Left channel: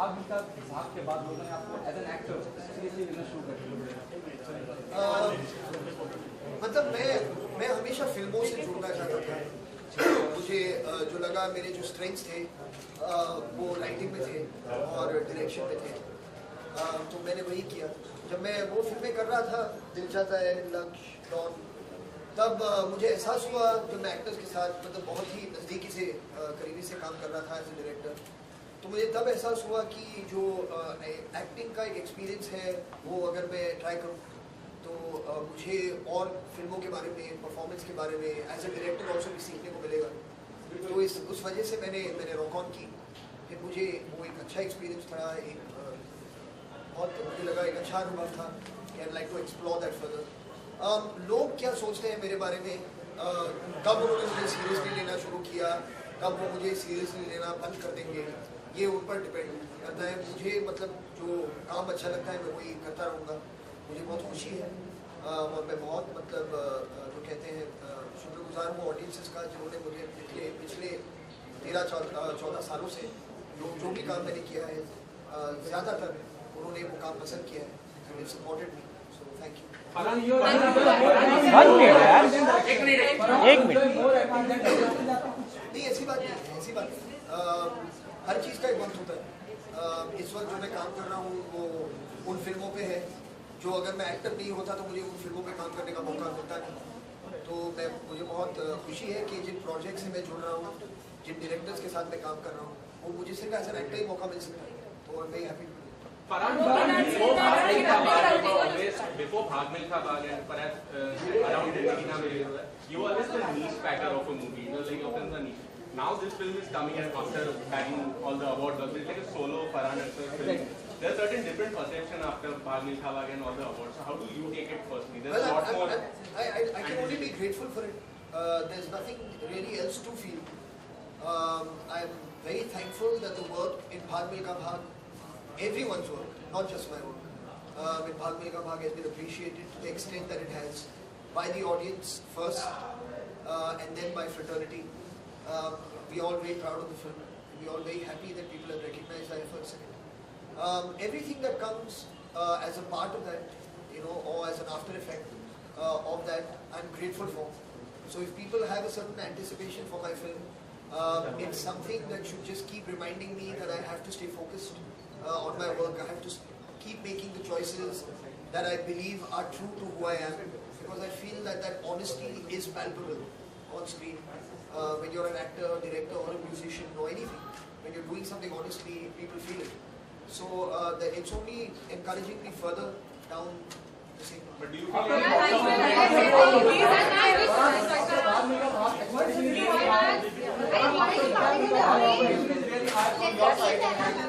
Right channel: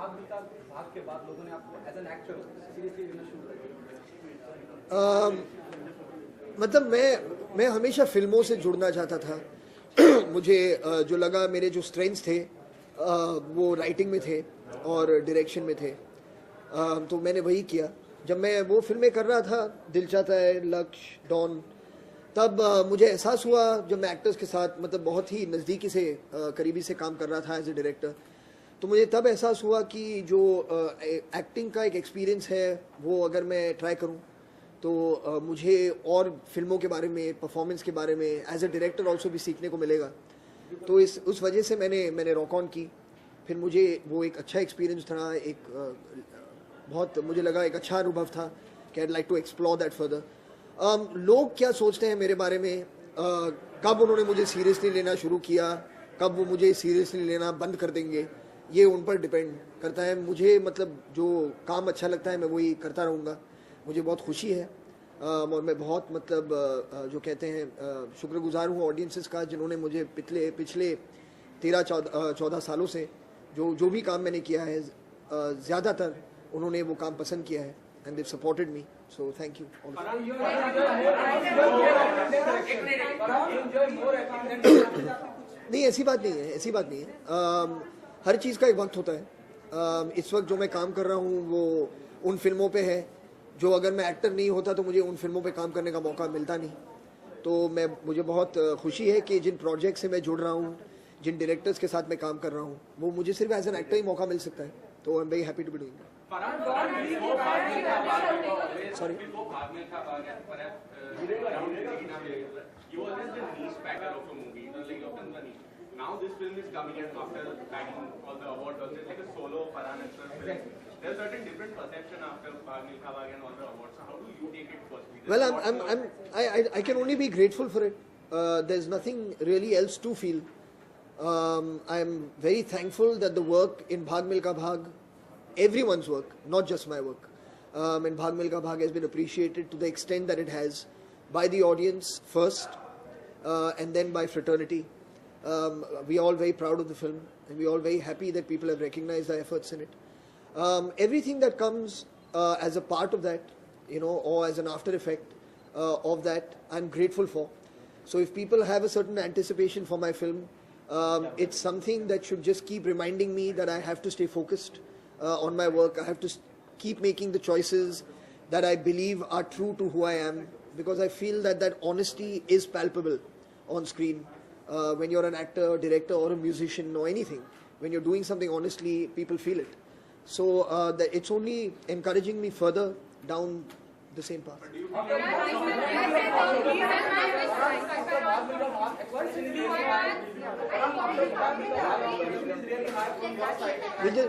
भाग मिल्खा के बाद लोगों ने आपको एज एन एक्टर सीरियसली लेना शुरू कर दिया? मतलब मैं हमेशा फिल्मों से जुड़ना चाहता था। मुझे जो लगा मेरे जो स्ट्रेंथ्स थे वो राइटिंग में थे और डायरेक्शन में थे, तो मैंने वही किया। जब मैं वो फिल्में कर रहा था, दिल चाहता है, लक्ष्य, डॉन, तब मुझे एहसास हुआ जब मैं एक्टर्स के साथ मतलब बहुत ही नज़दीकी से करीबी से काम कर रहा था एज ए डायरेक्टर, तो मुझे तब एहसास हुआ कि जो एक्टिंग का एक एक्सपीरियंस है वो अगर मैं ट्राई करूं तो मुझे और फिल्मों के बारे में, परफॉर्मेंस के बारे में एज ए डायरेक्टर ऑल्सो भी सीखने को मिलेगा। तो उस वजह से मैंने रॉक ऑन की। फिर मुझे वो एक अच्छा एक्सपीरियंस था, एक बहुत मुझे लगा एक अच्छा अनुभव था कि I like to explore that further. लोग क्या सोचते हैं मेरे बारे में, कब उन्होंने मुझे सीरियसली लेना शुरू किया, कब वो मुझे सीरियसली लेना बंद कर देंगे, ये उन पर डिपेंड करता है। मुझे मतलब जो काम अच्छा लगता है मैं वही करता रहूँगा। मुझे बहुत खुशी है और मैं बहुत मतलब जो कहते हैं शुक्रगुजार हूँ ऑडियंसेस का, जिन्होंने मुझे पिछले 13-14 सालों से जो भी काम मैंने किया है ज़्यादातर उन्होंने वो काम पसंद किया है and they supported me, so thank you. नहीं, ऐसी बात नहीं है, ऐसी बात नहीं है। हर चीज़ का एक वक्त होता है। इस वक्त जो मैं काम कर रहा हूँ वो उन फिल्मों पे है जो अगर मैं एक्टर नहीं होता तो मुझे उन फिल्मों पे काम करने का मौका मिलता नहीं। तो मुझे बहुत खुशी है कि जिन प्रोजेक्ट से मैं जुड़ रहा हूँ, जिन डायरेक्टर्स के साथ मैं काम कर रहा हूँ, वो मुझे सिर्फ एज एन एक्टर ही मौका मिल सकता है। तो I am very happy to be doing. Before Bhag Milkha Bhag and perhaps around Regina Villiers, you were always the niche packer of a movie. You were like often the niche. Now this film is coming in after bagging all the awards. It's like a solo Farhan Akhtar film. There's certain different perception after Bhag Milkha Bhag and all the awards. So how do you take it personally? Well, I can only be grateful for it. There's nothing really else to feel. I'm very thankful that the work in Bhag Milkha Bhag, everyone's work, not just my work, in Bhag Milkha Bhag has been appreciated to the extent that it has by the audience first and then by fraternity. We are all very proud of the film and we are all very happy that people have recognized our efforts in it. Everything that comes as a part of that, or as an after effect of that, I'm grateful for. So if people have a certain anticipation for my film, it's something that should just keep reminding me that I have to stay focused on my work. I have to keep making the choices that I believe are true to who I am, because I feel that honesty is palpable on screen. When you're an actor, director or a musician or anything, when you're doing something honestly, people feel it. So it's only encouraging me further down the same path.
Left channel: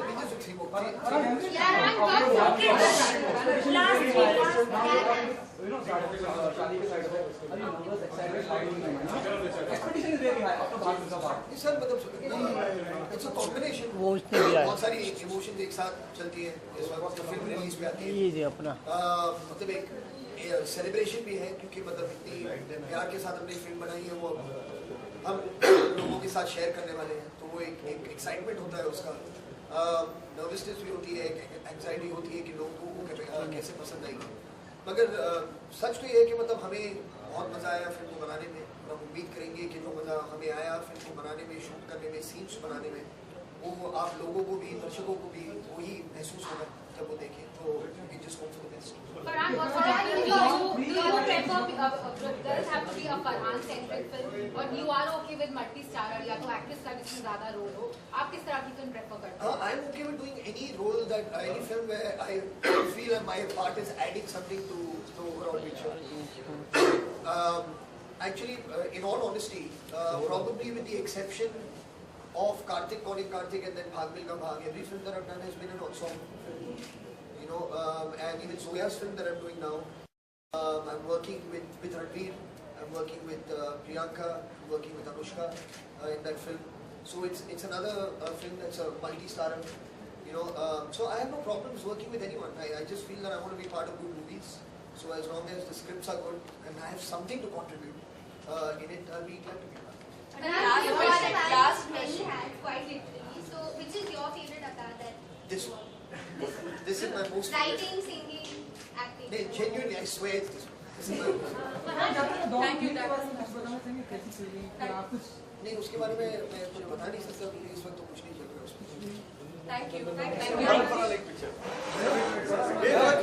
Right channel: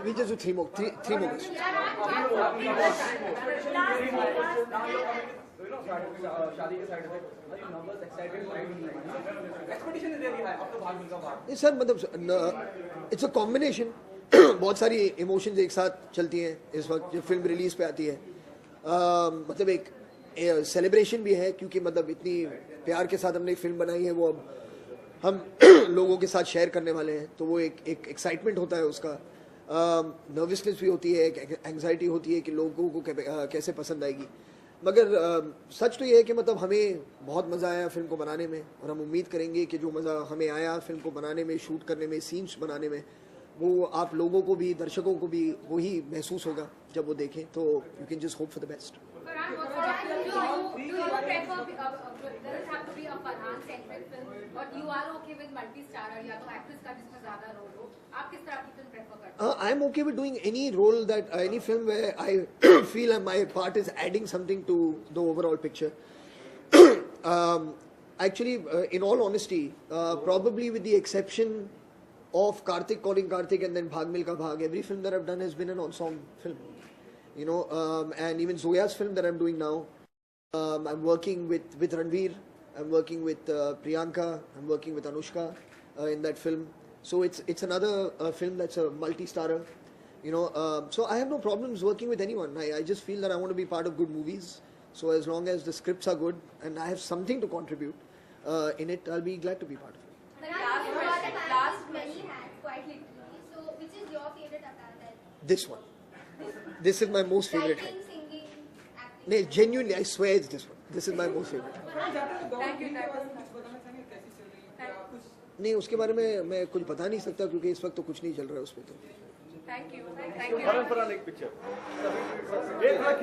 We just do three more. Sir मतलब it's a combination, बहुत सारी emotions एक साथ चलती हैं इस वक्त जब फिल्म रिलीज पे आती है। मतलब एक सेलिब्रेशन भी है क्योंकि मतलब इतनी प्यार के साथ हमने फिल्म बनाई है, वो अब हम लोगों के साथ शेयर करने वाले हैं, तो वो एक एक्साइटमेंट होता है उसका, नर्वसनेस भी होती है, एंग्जाइटी होती है कि लोगों को कैसे पसंद आएगी। मगर सच तो ये है कि मतलब हमें बहुत मज़ा आया फिल्म को बनाने में और हम उम्मीद करेंगे कि जो मज़ा हमें आया फिल्म को बनाने में, शूट करने में, सीन्स बनाने में, वो आप लोगों को भी, दर्शकों को भी वही महसूस होगा जब वो देखें। तो you can just hope for the best. I'm okay with doing any role any film where I feel my part is adding something to the overall picture. Actually, in all honesty, probably with the exception of Karthik calling Karthik and then Bhag Milkha Bhag, every film that I've done has been an ensemble film. And even Zoya's film that I'm doing now, I'm working with Ranveer, I'm working with Priyanka, I'm working with Anushka in that film. So it's another film that's a multi-starrer, so I have no problems working with anyone. I just feel that I want to be part of good movies. So as long as the scripts are good and I have something to contribute in it, I'll be glad to be part of it. Last many had quite literally. So which is your favorite avatar? this one. This is my most favorite. Writing, singing, acting. No, genuinely, I swear it's this one. This is my most favorite. नहीं, उसके बारे में मैं कुछ बता नहीं सकता क्योंकि इस वक्त तो कुछ नहीं चल रहा है उसमें. Thank you.